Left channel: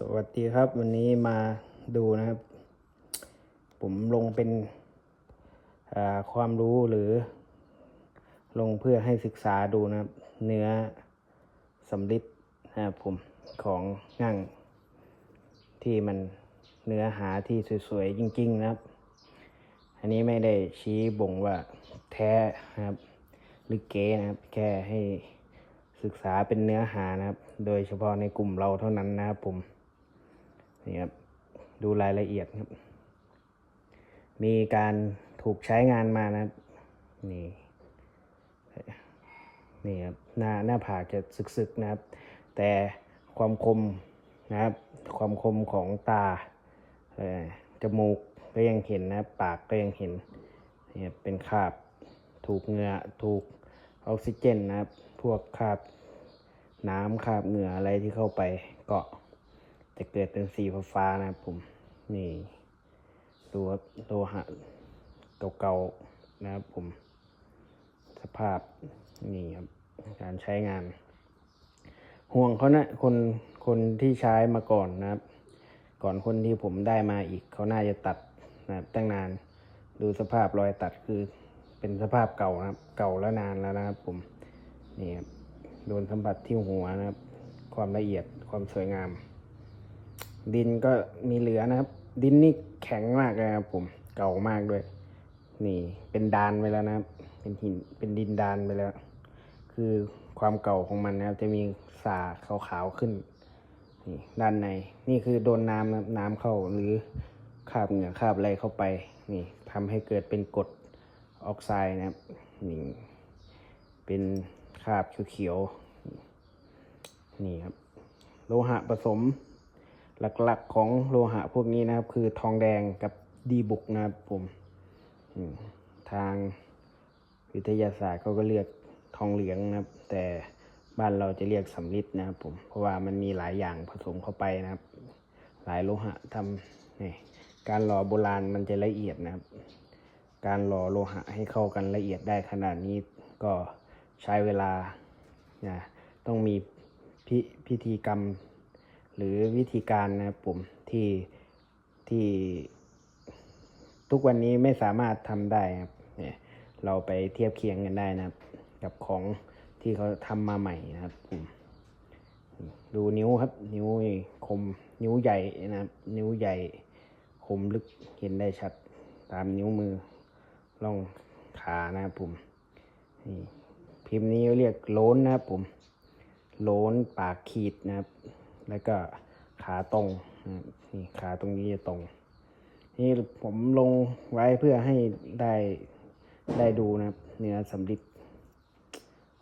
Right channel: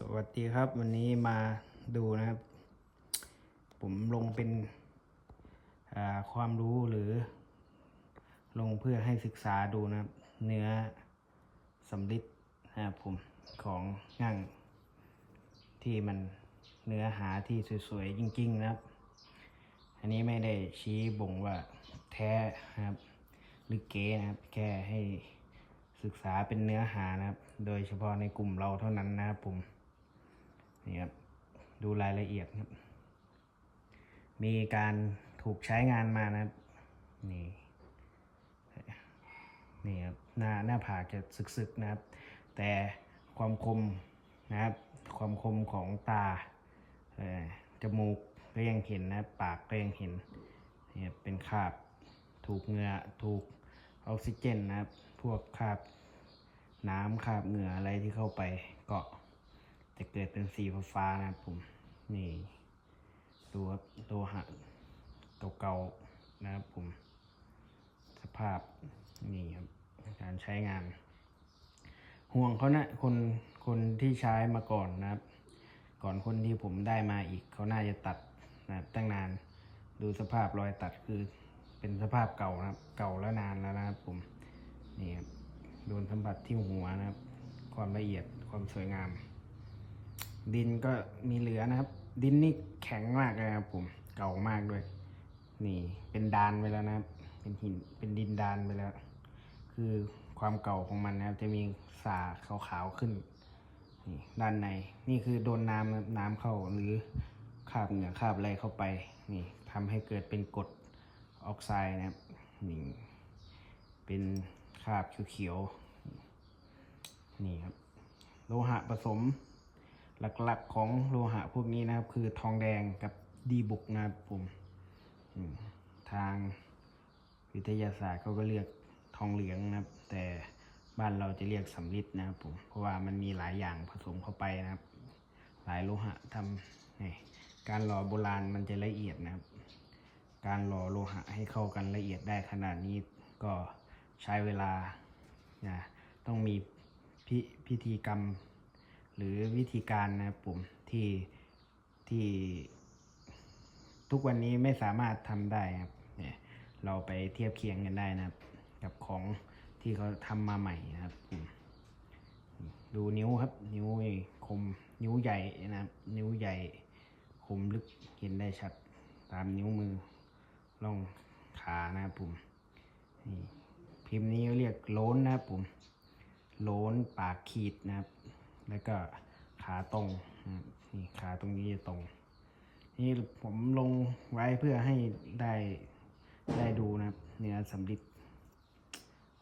สวัสดีครับวันนี้มาดูนะครับ ผมลงเป็นความรู้หรือ ลงเพื่อให้ศึกษาดูนะครับ เนื้อสำลิดนะครับผมของงั่ง ที่มันเนื้อหาที่สวยๆจริง ๆ นะครับ อันนี้ไม่ได้ชี้บ่งว่าแท้นะครับ หรือเก๋นะครับ แค่ให้ศึกษาเป็นเนื้อหานะครับ โดยเฉพาะในกลุ่มเราเท่านั้นนะครับผม นี่ครับดูรายละเอียดครับ มีการถูกใช้งานมานะนี่นี่ครับหน้าหน้าผากจะสึกๆนะครับ แต่ความคมนะครับ ความคมของตาเอ่อจมูกก็ยังเห็นนะปากก็ยังเห็นนี่ครับเป็นคราบถูกเหงื่อถูกออกซิเจนนะครับ พวกคราบน้ำคราบเหงื่ออะไรที่เข้าไปเกาะ จะเกิดเป็นสีฟ้านะครับผมนี่ดูครับโลหะเก่าๆนะครับผม สภาพนี่ครับการใช้งาน ห่วงเขานะคนคนที่ใช้มาก่อนนะครับ ก่อนคนที่ผมได้มาอีกเขาน่าจะตัดนะครับตั้งนานดูสภาพรอยตัดคือเป็นสภาพเก่านะครับ เก่าแล้วนานแล้วนะครับ ผมนี่ครับโดนสัมผัสที่หัวนะครับ ความละเอียดความสวยงาม ดินก็มีเหลือนะครับ ดินนี่แข็งมากเลยครับผมเก่ามากด้วย นี่เป็นดานไปแล้วนะครับ เป็นหินเป็นดินดานไปแล้ว คือความเก่าของมันนะครับ จะมีสาขาวๆขึ้นนี่ด้านในนี่คือโดนน้ำน้ำเข้าหรือคาบเหงื่อคาบอะไรเข้าไป นี่ทำให้เกิดเป็นกรดออกไซด์นะครับนี่เป็นคาบเขียวๆนี่ครับ โลหะผสม หลักๆของโลหะพวกนี้นะครับ คือทองแดงกับดีบุกนะครับผมทางวิทยาศาสตร์เขาก็เรียกทองเหลืองนะครับ แต่บ้านเราจะเรียกสำริดนะครับผมเพราะว่ามันมีหลายอย่างผสมเข้าไปนะครับ หลายโลหะทำนี่การหล่อโบราณมันจะละเอียดนะครับ การหล่อโลหะให้เข้ากันละเอียดได้ขนาดนี้ก็ใช้เวลานะต้องมีพิพิธีกรรม หรือวิธีการนะครับผมที่ที่ทุกวันนี้ไม่สามารถทำได้ครับเนี่ยเราไปเทียบเคียงกันได้นะครับ กับของที่เขาทำมาใหม่นะครับผมดูนิ้วครับ นิ้วคมนิ้วใหญ่นะครับ นิ้วใหญ่คมลึกเห็นได้ชัด ตามนิ้วมือล่องขานะครับผมนี่พิมพ์นี้เรียกโล้นนะครับผมโล้นปากขีดนะครับ แล้วก็ขาตรงนี่ขาตรงนี้จะตรง นี่ผมลงไว้เพื่อให้ได้ได้ดูนะครับเนื้อสำลิด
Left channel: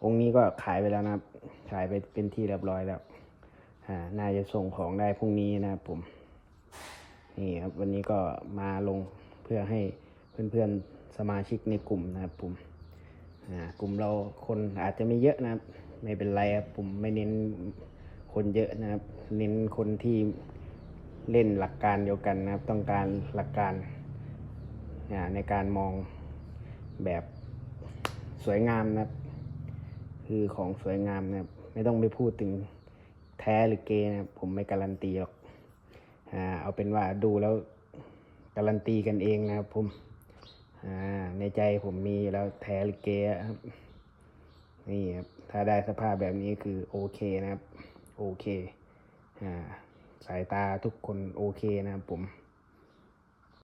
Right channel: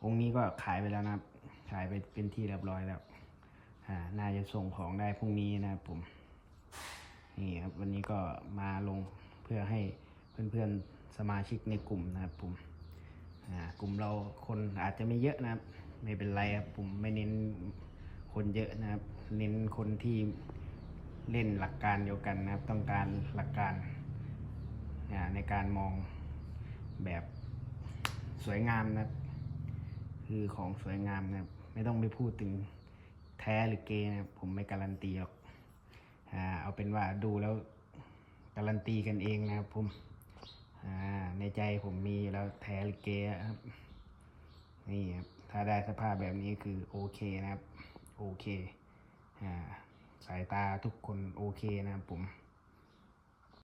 องค์นี้ก็ขายไปแล้วนะครับ ขายไปเป็นที่เรียบร้อยแล้วอ่าน่าจะส่งของได้พรุ่งนี้นะครับผมนี่ครับวันนี้ก็มาลงเพื่อให้เพื่อนๆสมาชิกในกลุ่มนะครับผมอ่ากลุ่มเราคนอาจจะไม่เยอะนะครับ ไม่เป็นไรครับผมไม่เน้น คนเยอะนะครับ เน้นคนที่เล่นหลักการเดียวกันนะครับ ต้องการหลักการในการมองแบบสวยงามนะครับ คือของสวยงามนะครับ ไม่ต้องไปพูดถึงแท้หรือเกนะครับ ผมไม่การันตีหรอกอ่าเอาเป็นว่าดูแล้วการันตีกันเองนะครับผมอ่าในใจผมมีแล้วแท้หรือเกะครับนี่ครับ ถ้าได้สภาพแบบนี้คือโอเคนะครับ โอเค อ่า สายตาทุกคนโอเคนะครับผม